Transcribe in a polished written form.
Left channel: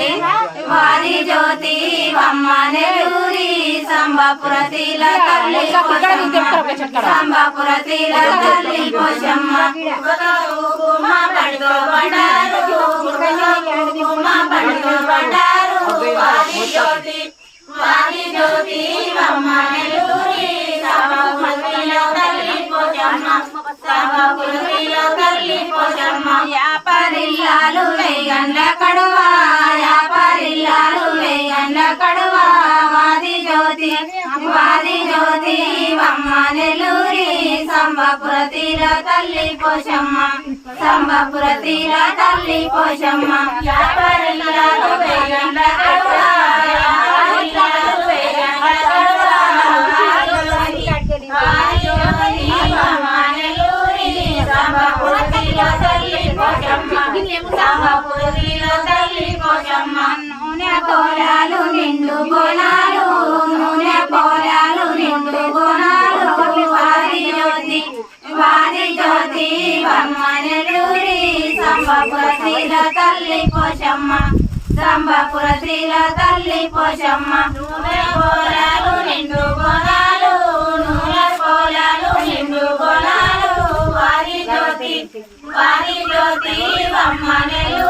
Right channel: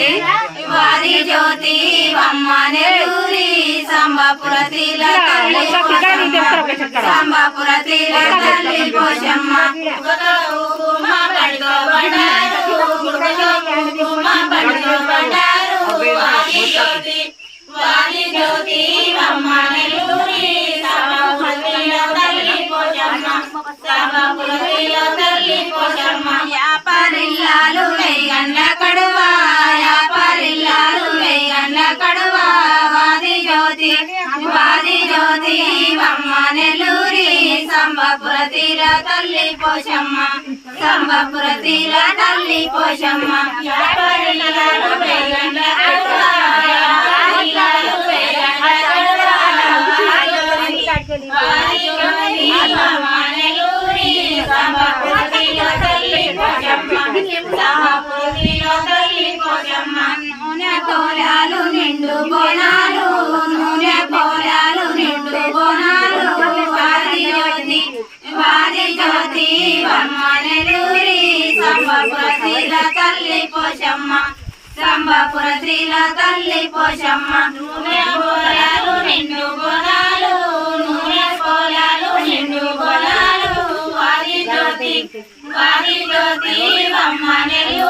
జ్యోతి వారి జ్యోతి వమ్మ నెల్లూరి సంబపురతిల తల్లి సంబపురతిల తల్లి పోషమ్మ కుంకుమ పండుగ బండారు కుంకుమ పండుగ బండారు వారి జ్యోతి వమ్మ నెల్లూరి సంబపురతిల తల్లి పోషమ్మ సంబపురతిల తల్లి పోషమ్మ యాపరిల్లాలు వేగండ్ల కడువా యాపరిల్లాలు వేగండ్ల కడువా వాది జ్యోతి వమ్మ నెల్లూరి సంబపురతిల తల్లి పోషమ్మ సంబపురతిల తల్లి పోషమ్మ యాపరిల్లాలు వేగండ్ల కడువా యాపరిల్లాలు వేగండ్ల కడువా నూనె కోలాలు నిండు బోనాలు నూనె కోలాలు నిండు బోనాలు వారి జ్యోతి వమ్మ నెల్లూరి సంబపురతిల తల్లి పోషమ్మ సంబపురతిల తల్లి పోషమ్మ నూనె కోలాలు నిండు బోనాలు నూనె కోలాలు నిండు బోనాలు వారి జ్యోతి వమ్మ నెల్లూరి